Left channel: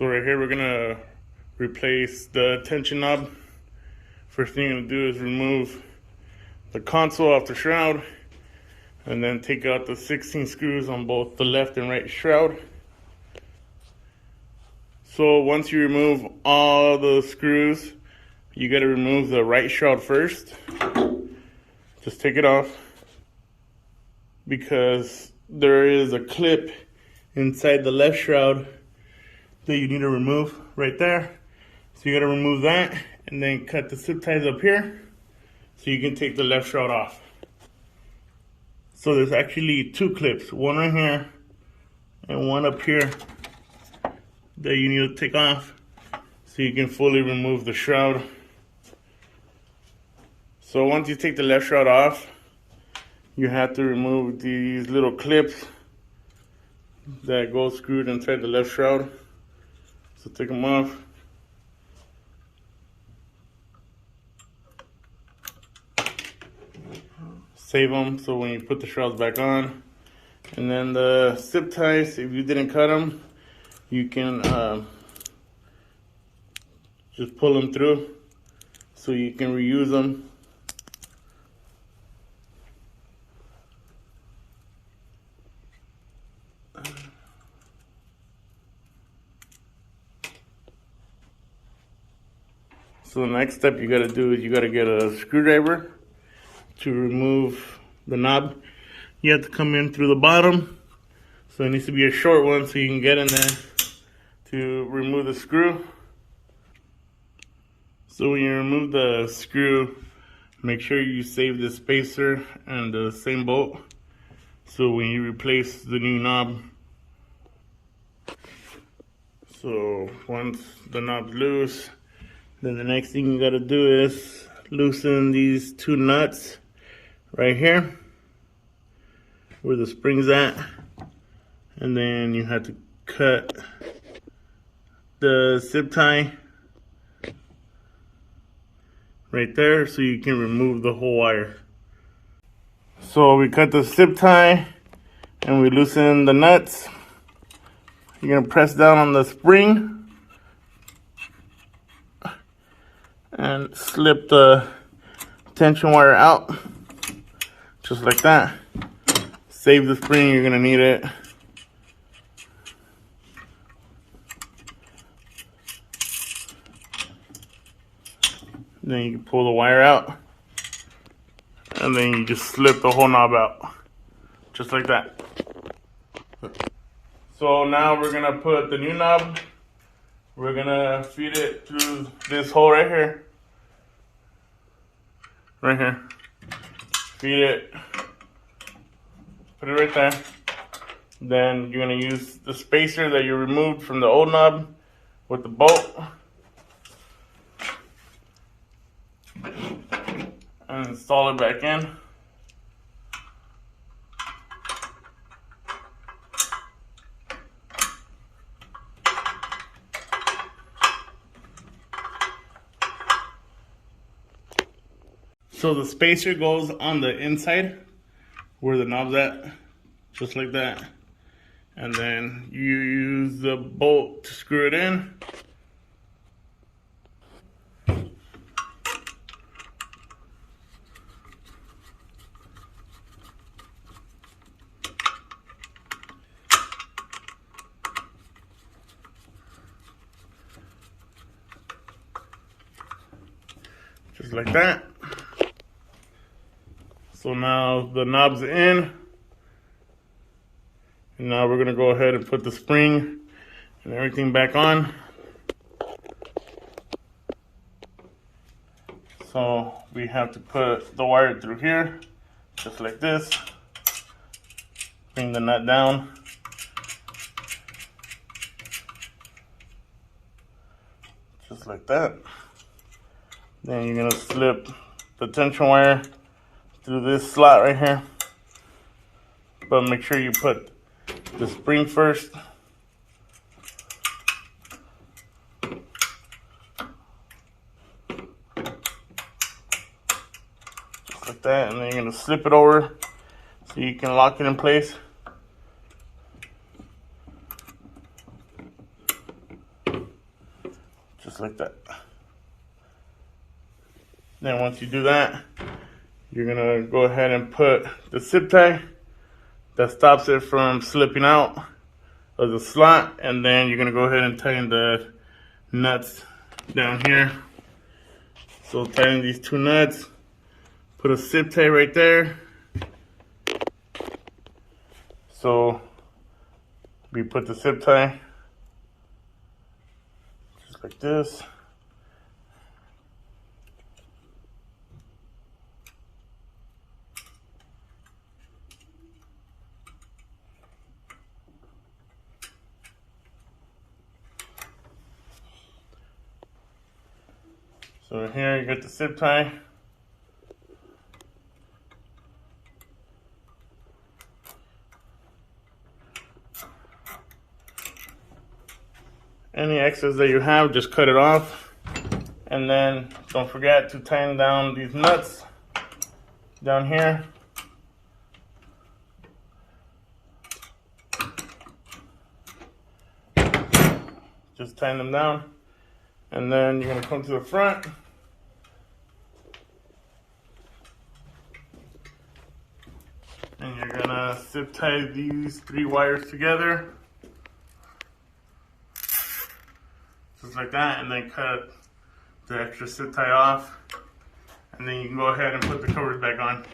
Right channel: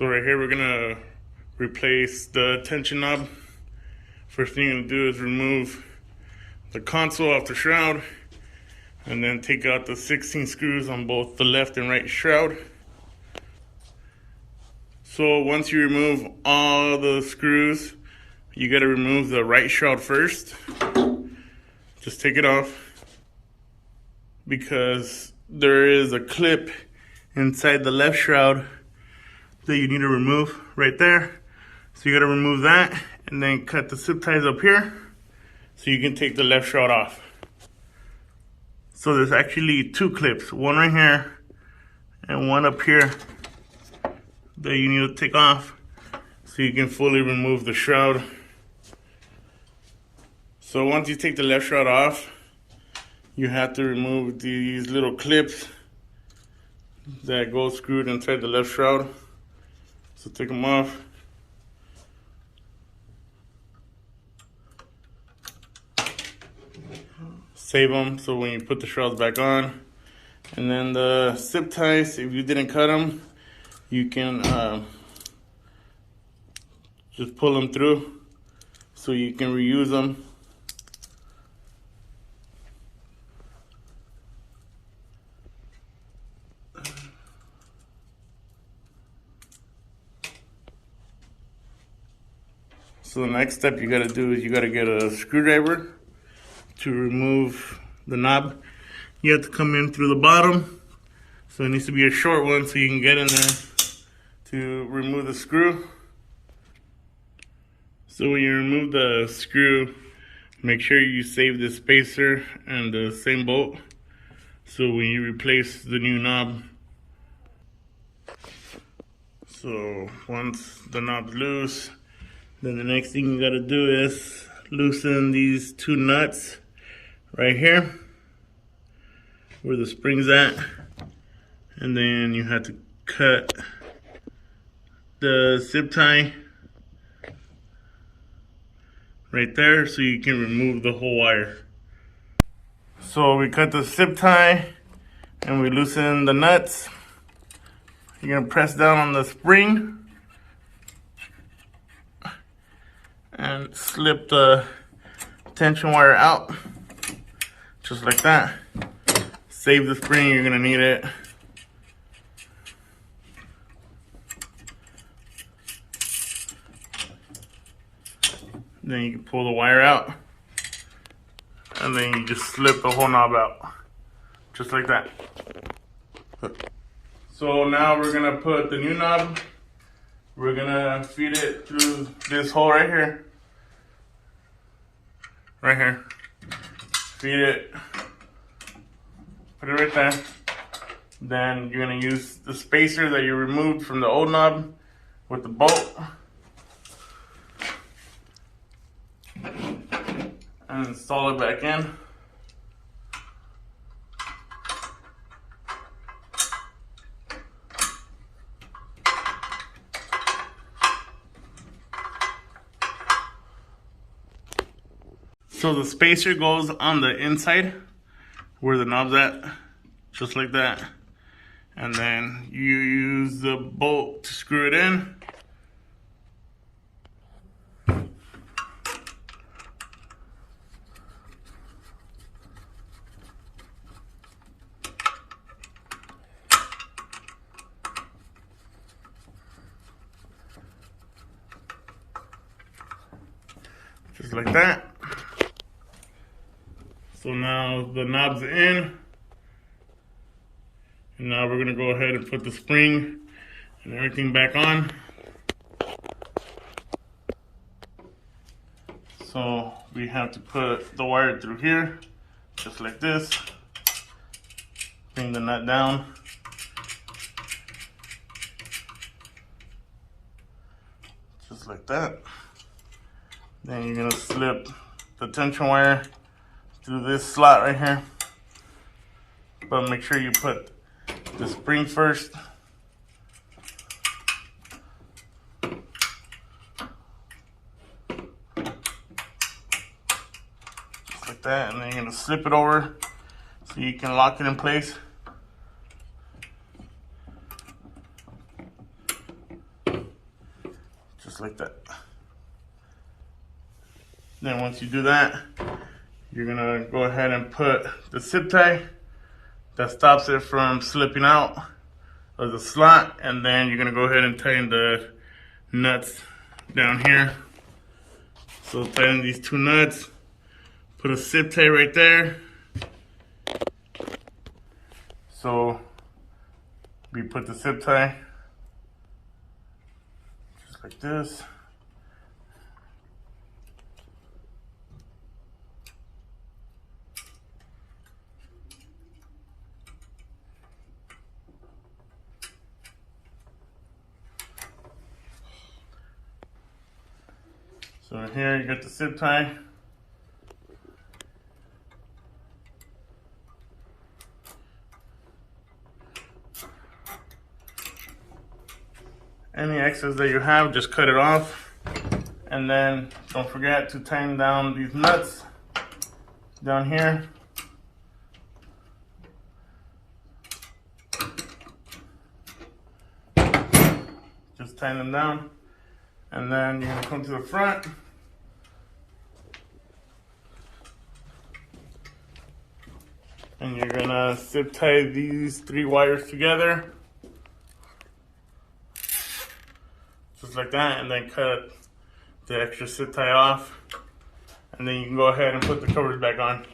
So right here, we're gonna replace the tension knob. First thing you're gonna do is remove the console off the shroud, and then take out the 16 screws on both the left and right shroud. So once you remove all the screws, you gotta remove the right shroud first. Just take it off, because there is a clip inside the left shroud that you need to remove right there. So you gotta remove that and then cut the zip ties up here so you can take the left shroud off. So there's actually two clips, one right here and one up here that you need to take off so you can fully remove the shroud. So once you take the left shroud off, you have to remove these little clips that go screwed inside the left shroud. So take them off. Save them so when you put the shrouds back on. And then the zip ties, if you didn't cut them, you can just pull them through so you can reuse them. So the next step you gotta do is you gotta get a screwdriver to remove the knob. You have to come in through the bottom. So it needs to be a short one so you can get in there to remove the screw. So when you remove the screw, make sure you save the spacer and the same bolt. So when you replace the new knob, so once the knob's loose, then the next thing you gotta do is loosen these two nuts right here where the spring's at, and then you have to cut the zip tie right there so you can remove the whole wire. So we cut the zip tie and we loosen the nuts. You're gonna press down on the spring and slip the tension wire out, just like that. Save the spring, you're gonna need it. Then you pull the wire out, and then you just slip the whole knob out, just like that. So now we're gonna put the new knob, we're gonna feed it through this hole right here. Right here. Feed it. Put it right there. Then you're gonna use the spacer that you removed from the old knob with the bolt and install it back in. So the spacer goes on the inside where the knob's at, just like that. And then you use the bolt to screw it in. Just like that. So now the knob's in, and now we're gonna go ahead and put the spring and everything back on. So we have to put the wire through here, just like this. Bring the nut down. Just like that. Then you're gonna slip the tension wire through this slot right here, but make sure you put the spring first. Just like that, and then you're gonna slip it over so you can lock it in place. just like that. Then once you do that, you're gonna go ahead and put the zip tie that stops it from slipping out of the slot, and then you're gonna go ahead and tighten the nuts down here. So tighten these two nuts, put a zip tie right there. So we put the zip tie just like this. So here you get the zip tie. Any excess that you have, just cut it off. And then don't forget to tighten down these nuts down here. Just tighten them down. And then you're gonna come to the front. And you're gonna zip tie these 3 wires together. Just like that, and then cut the extra zip tie off. And then you can go ahead and put the covers back on.